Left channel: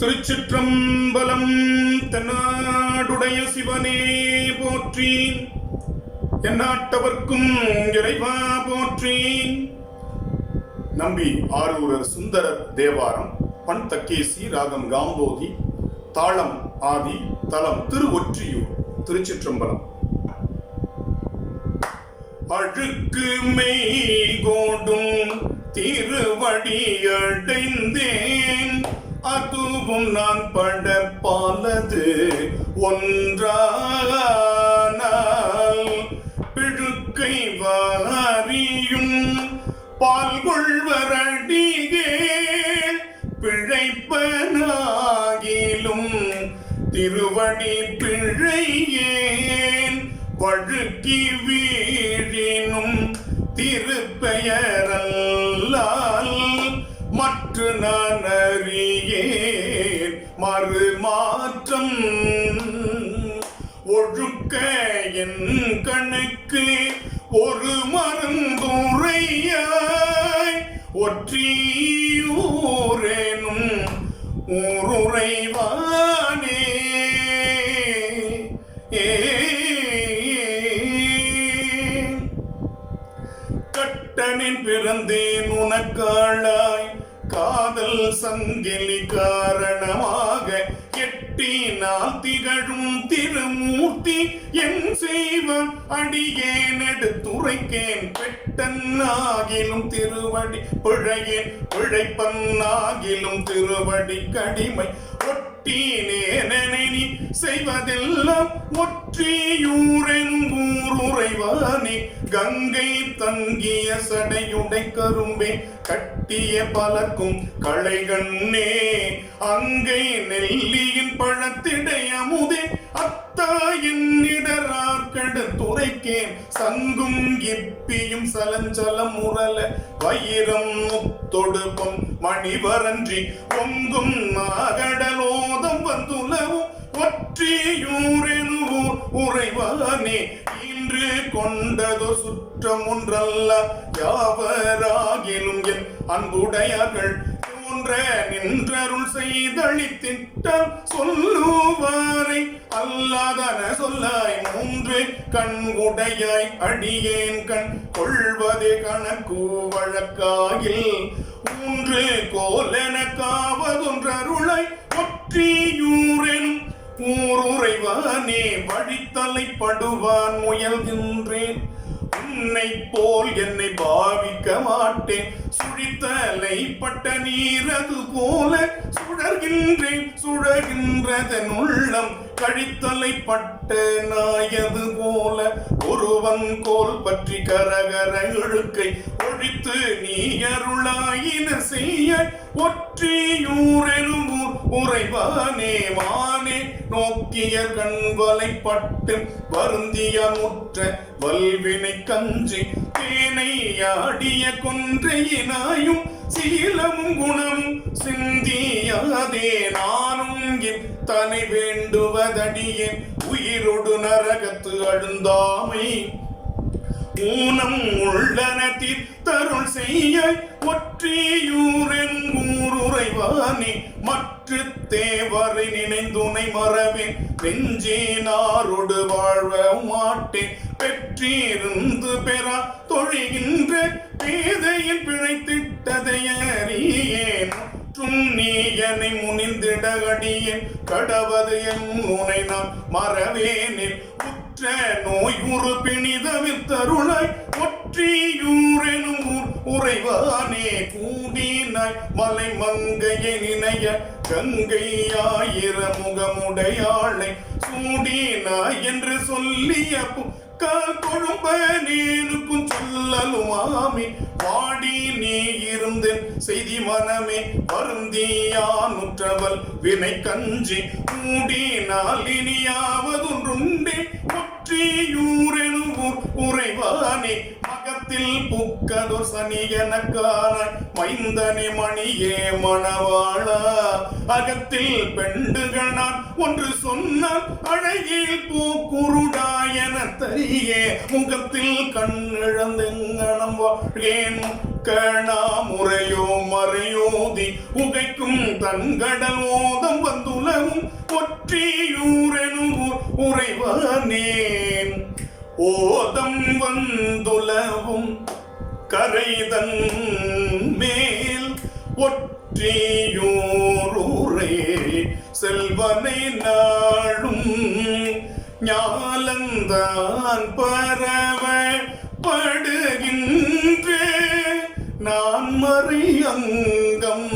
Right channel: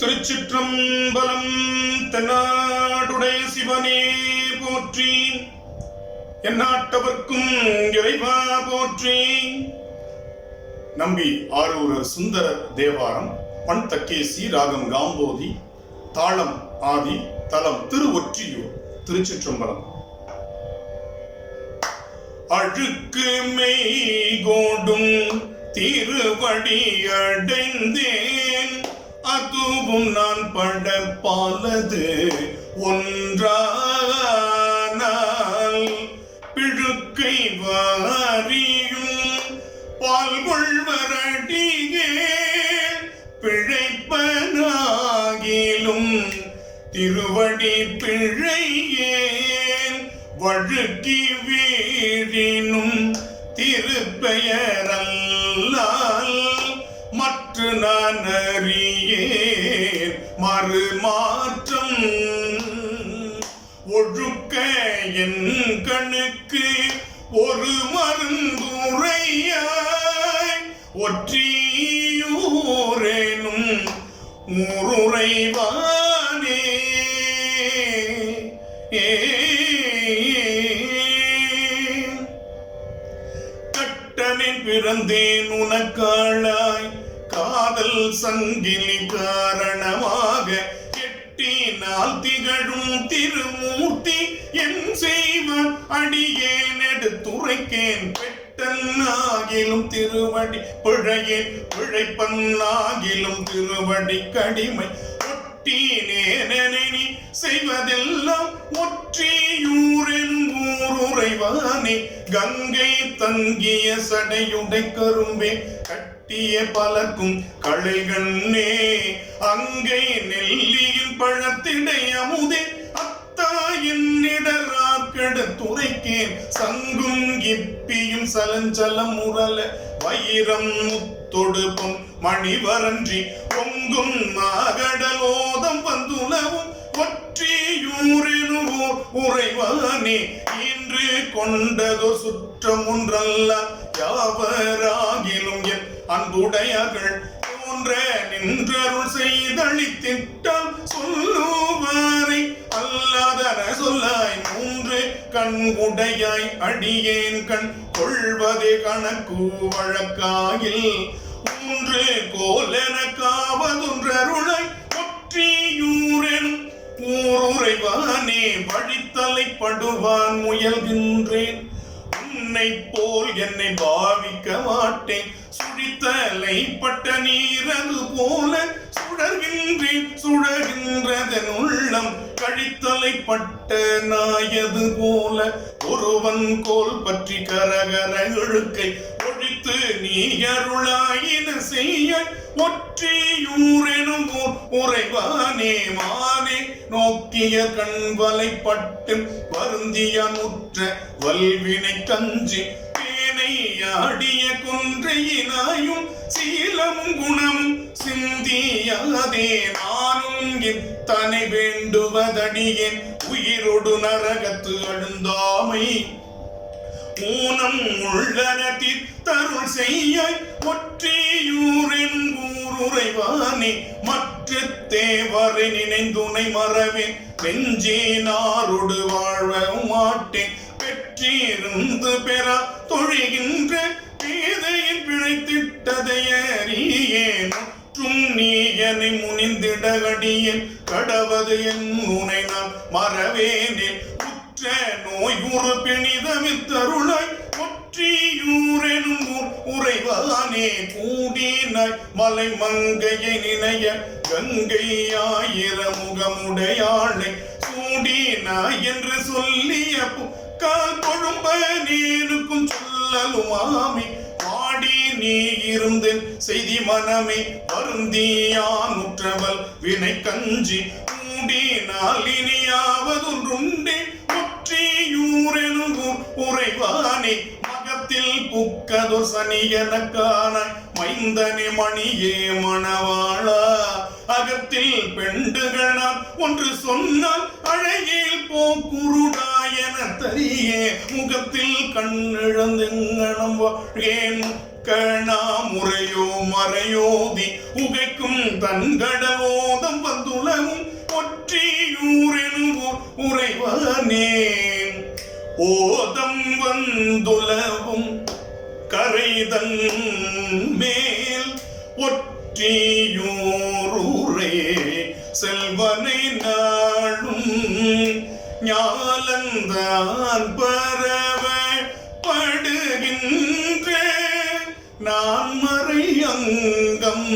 திருச்சிற்றம்பலம். தென்னாடுடைய சிவனே போற்றி, எந்நாட்டவர்க்கும் இறைவா போற்றி. நம்பி ஆரூரர் சுந்தரர் தேவாரம். பண் தக்கேசி, ராகம் காம்போதி, தாளம் ஆதி, தலம் திருவொற்றியூர். திருச்சிற்றம்பலம். அழுக்கு மெய்கோடும் திருவடி அடைந்தேன், அதுவும் நான் படப்பாலது ஒன்றானால், பிழுக்கை வாரியும் பால்கொள்வரடிகேள் பிழைப்பனாகிலும் திருவடி பிழையேன், வழுக்கி வீழினும் திருப்பெயரல்லால் மற்ற நான் அறியேன் மறுமாற்றம். ஒழுக்க என் கணுக்கு ஒரு மருந்துரையாய், ஒற்றியூரேனும் ஊருரைவானே. கட்டனின் பிறந்தேன் உனக்காளாய், காதல் சங்கிலி காரணமாக எட்டினால் திகழும் திருமூர்த்தி என் செய்வன் அடியேன் எடுத்துரைக்கேன். பெட்டன்னாகிலும் திருவடி பிழையேன், பிழைப்பன்னாகிலும் திருவடி கடிமை. ஒட்டினேனெனி செய்வதெல்லாம் ஒற்றியூரெனும் ஊருரைவானே. கங்கை தங்கிய சடையுடை கரும்பே, கட்டிய பலக்கும் களைகண்ணே. அங்கை நெல்லியின் பழத்திடை அமுதே, அத்தாயின் இடரார்கெடுத்துரைக்கேன். சங்கும் இப்பியும் சலஞ்சலம் முரல, வைரம் முத்தொடுப்பும் மணிவரன்றி ஒங்கும் மாகடலோதம் வந்துலவும் ஒற்றியூரெனும் உறைவானே. இன்று கொண்டதோ சுற்றம் ஒன்றல்ல, யாவராகிலும் என் அன்புடையார்கள் போன்ற நின்றருள் செய்தளித்திட்டால் சொல்லுவாரை அல்லாதன சொல்லாய். மூன்று கண் உடையாய் அடியேன் கண் கொள்வதே கணக்கு வழக்காயில், ஊன்று கோலென காவதொன்றருளாய் ஒற்றியூரெனும் ஊருரைவானே. வழித்தலைப்படுவான் முயல்கின்றேன், உன்னை போல் என்னை பாவிக்க மாட்டேன். சுழித்தலைப்பட்ட நீரது போல சுடர்கின்றேன், சுழகின்றதன் உள்ளம். கழித்தலைப்பட்ட நாயது போல ஒருவன் கோல் பற்றி கரகர இழுக்கை ஒழித்து நீ அருளாயின செய்ய. ஒற்றியூரெனும் உறைவானே. மானே நோக்கிய கண்வலைப்பட்டு வருந்திய முற்ற வல்வினை கஞ்சி, தேனை ஆடிய கொன்றையினாயும் சீலமும் குணமும் சிந்தியாதே. நானும் இத்தனை வேண்டுவதடியேன், உயிரொடு நரகத்து அழுந்தாமை. ஊனம் உள்ளன தருள் செய்ய ஒற்றியூரெனும் ஊருரைவானே. மற்ற தேவரை நினைந்துனை மறவேன், நெஞ்சேனாரோடு வாழ மாட்டேன். பெற்றிருந்து பெறா தொழிகின்ற பேதையின் பிழைத்திட்டதையறியேன். நீயனை முனிந்திட அடியேன் கடவது என் உனை நான் மறவேனில். உற்ற நோய் உரு பிணிதமித்தருளாய் ஒற்றியூரெனும் உறைவானே. கூடினாய் மலை மங்கையை நினைய கங்கையாயிர முகமுடையாளை, சூடினாய் என்று சொல்லிய கால் கொழும்ப நீருக்கும் சொல்லலுமாமி. வாடி நீ இருந்தேன் செய்தி மனமே, வருந்தியானுற்றவள் வினை கஞ்சி. மூடினால் இனியாவதொன்றுண்டே ஒற்றியூரெனும் உறைவானே. மகத்தில் புக்கதோ சனியனக்கானாய் மைந்தனே மணியே மணவாளா. அகத்தில் பெண்டுகள் நான் ஒன்று சொன்னால் அழகில் போக்குருடாயன தரியே முகத்தில் கண்ணிழந்தெங்கனம் வாழ்கேன் கணா முறையோ மறையோதி உகைக்கும் தன்கடல் ஓதம் வந்துலவும் ஒற்றியூரெனும் உறைவனேன் ஓதம் வந்துலவும் கரைதன் மேல் ஒற்றியூரே செல்வனை நாளும் ஞாலந்தான் பரவ படுகின்ற நான் மறை அங்கம்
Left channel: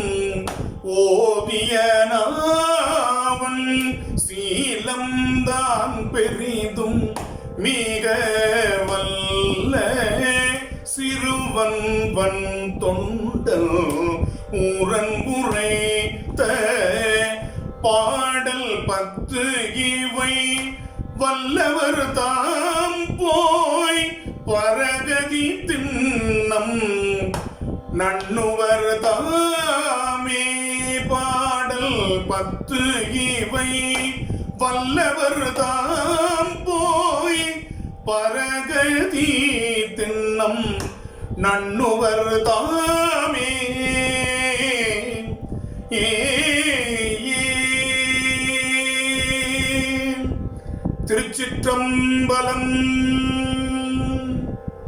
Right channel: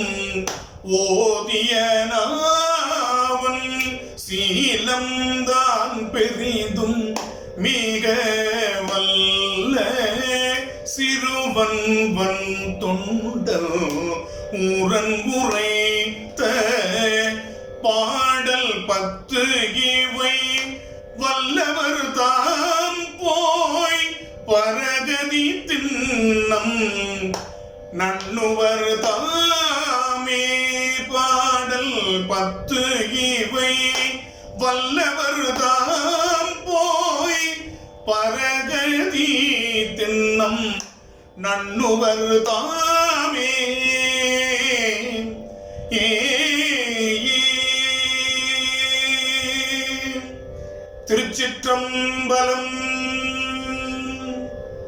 ஓதிய நாவன் சீலம்தான் பெரிதும் மிக வல்ல சிறுவன் வன் தொண்டல் ஊரன் உரைத்த பாடல் 10 இவை வல்லவர் தாம் போய் பரகதி திண்ணம் நண்ணுவர் தாமே பாடல் 10 இவை வல்லவர் தாம் போய் பரகதி திண்ணம் நண்ணுவர் தாமே. திருச்சிற்றம்பலம்.